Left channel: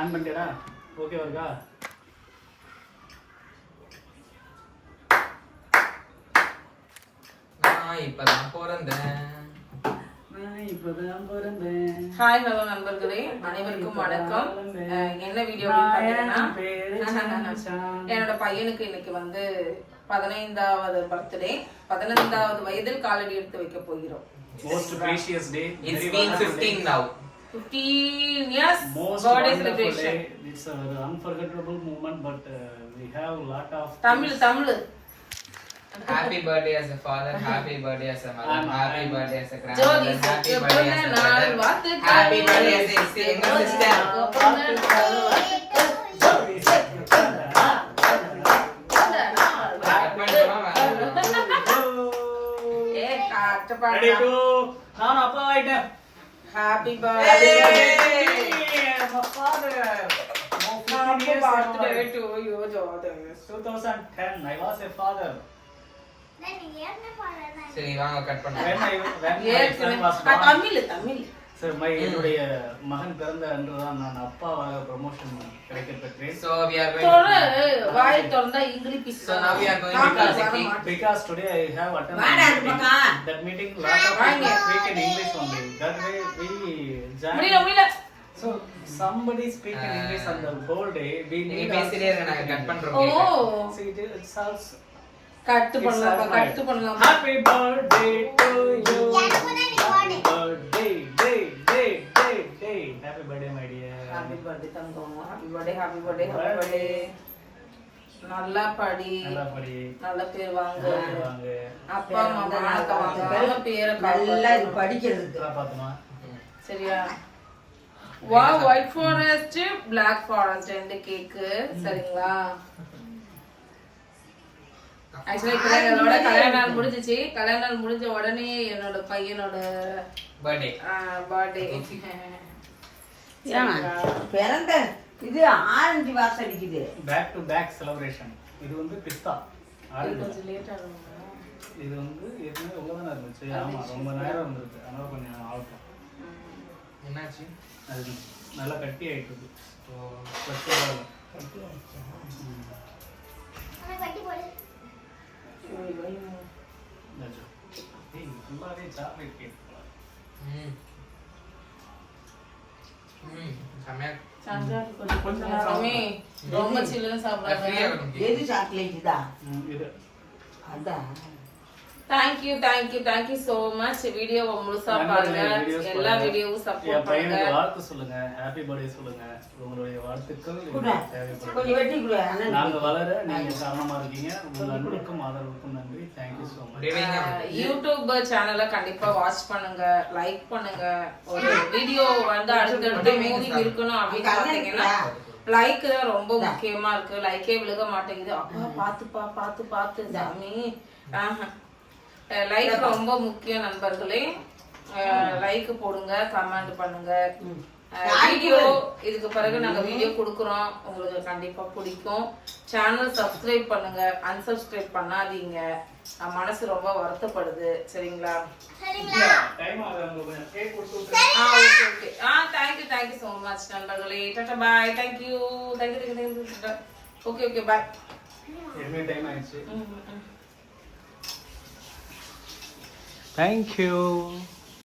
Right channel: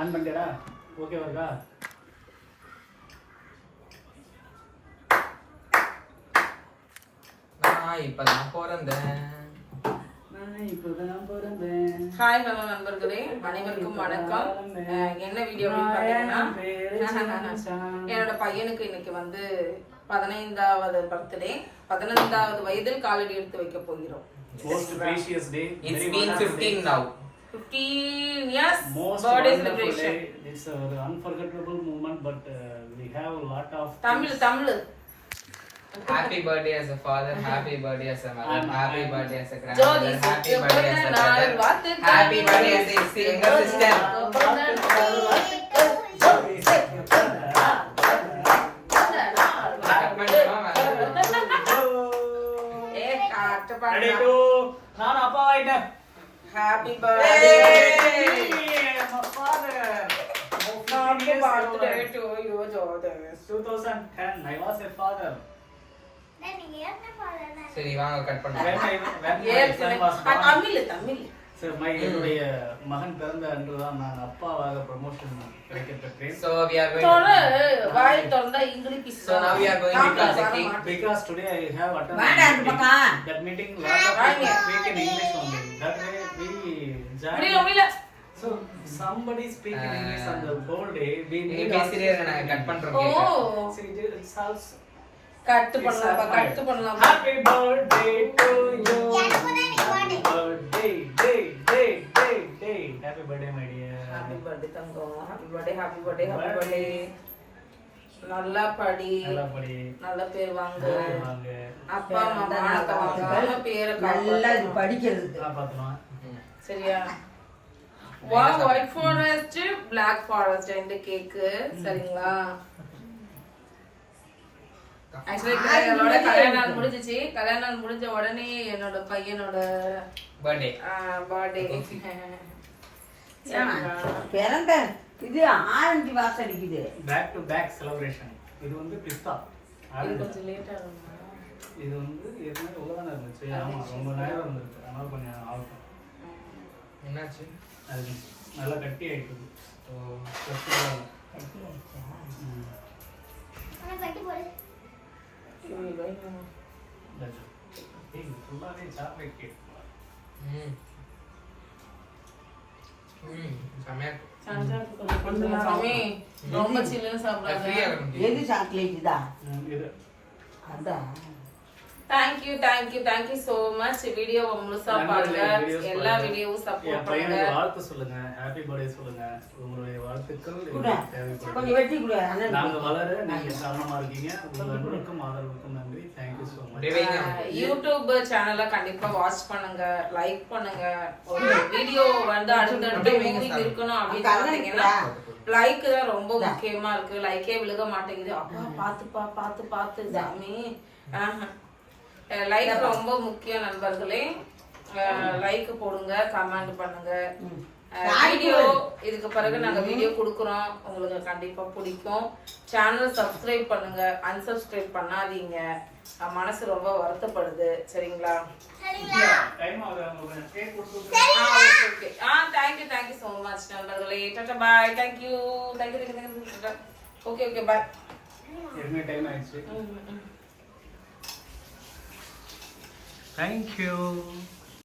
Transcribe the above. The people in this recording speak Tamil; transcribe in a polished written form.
ஆன் பண்ணிட்டடா ஓகே வருதா நான் இப்பதான் பிறந்தேன் ஹாய் ஹலோ நண்பர்களே, அனைவருக்கும் வணக்கம். என்ன வீடியோ பாத்தீங்கன்னா, என்னோட பையனுக்கு இன்னைக்கு வந்து 15வது பர்த்டே. 15வது வயதில் காலடி எடுத்து வைக்க போகிறோம். Most precious day. It's been 15 now. 15 years Most birthday wonderful celebration. day. It's a very unforgettable moment, but we have a lot of. Tamil. Happy birthday as a father, happy birthday as a mother, happy birthday as a Jothi grandmother, happy birthday as a brother, வாழ்த்துக்கள். happy birthday as a sister. Ready to. நான் அப்பா ஆயிட்டேன். Happy birthday. My father. Happy birthday to you, Jodi. 2010. I was a father. சரி வாங்க கட் When பண்ணுங்க. when my son was born. Tamil. Sir, என்னுடைய மகன் பிறந்த அன்றுதான் நான் அப்பாவாக ப்ரமோஷன் கிடைக்கப்பெற்றேன். So we are going வாய் திறந்தா English. So now we are going to Kazakh. Because today I have attended that meeting. Lot of people speak in English only. That way we முடியல. So somebody speak in English on the whole day. We நீங்க need பேசிட்டே இருங்க நாங்க கட் பண்றோம். ஓ see it's also கட் பண்ணலாம். Happy birthday to you. Happy birthday, day. Happy birthday, my dear. Happy birthday Thangam. Happy birthday. நல்லா படி. நல்ல பேர் வாங்கு. அப்பா அம்மா மானத்தை வாங்காம பேரை நல்லா படிக்கிறதுக்கு காப்பாத்தணும். சரியா? Wow, white forest, Black forest ரெண்டு கேக். சரிங்களா? ஆக்சுவலி என்னோட கல்யாணம் முடிஞ்சிச்சு. கல்யாணம் முடிஞ்ச உடனே என்னோட பையனோட பர்த்டே. பிறந்த இது ஆரஞ்சு வாசம் அடிக்குது. Back to back celebration. இது வந்து பிஸ்தா. இது கொஞ்சம் லேட் ஆகும். இது வந்து ஏற்கனவே உள்ளதான இருந்துச்சு. ஆமா ரொம்ப நேரம் இருந்துச்சு. அதனால கொஞ்சம் ஆகும். என்னாச்சு? அது நல்லா கட்டி ஆயிட்டு. ஸோ ஃபர்ஸ்ட் கட்டி ஆயிடுச்சா? ஃபுல்லாகவே சாக்லேட் கேக். ரொம்ப சில்லுன்னு சாப்பிடுறாங்க. எது சாக்லேட் தான்? இது அதான். Thank you so much. Video முழுசா பாருங்க. எல்லா வீடியோவும் சப்போர்ட் பண்ணுங்க. பையனுக்கு வாழ்த்து சொல்லுங்க. ஹேப்பி பர்த்டே சொல்லுங்க. உங்களுடைய வாழ்த்துக்கள் கொஞ்சம் வெட்டி கொடு. நாங்க வளர நீங்க காரணமா இருக்கீங்க. உங்க அன்புக்கும் ஆதரவுக்கும் நன்றி. Thank you so much. YouTube சேனலை கண்டிப்பா வாட்ச் பண்ணுங்க, லைக் பண்ணுங்க. ஒரு வீடியோ வந்து அடுத்தடுத்து மூவிங் இருக்கணும் அப்படின்னு பாத்தீங்கன்னா லைக் தான் ரொம்ப முக்கியமா இருக்கு. லைக்கே விழுக மாட்டேங்குது. அப்பா பார்த்து சாமி. லைக் ரொம்ப முக்கியம் நண்பர்களே. லைக் போடுங்க, கமெண்ட் பண்ணுங்க. வீடியோ இதுக்கு பிறகு நாங்க வீடியோ கொடுக்குறோம், உங்களுக்கு கண்டிப்பா பிடிக்கும். சேனல் சப்ஸ்கிரைப் பண்ணுங்க, அன்சப்ஸ்கிரைப் பண்ணாதீங்க. மனசு ரொம்ப வருத்தப்படுது. சரிங்களா? தேங்க்யூ so much நண்பர்களே. டாடா பாய். தேங்க்யூ. Okay bye. என்ன டைம் ஆயிடுச்சு. Thank you.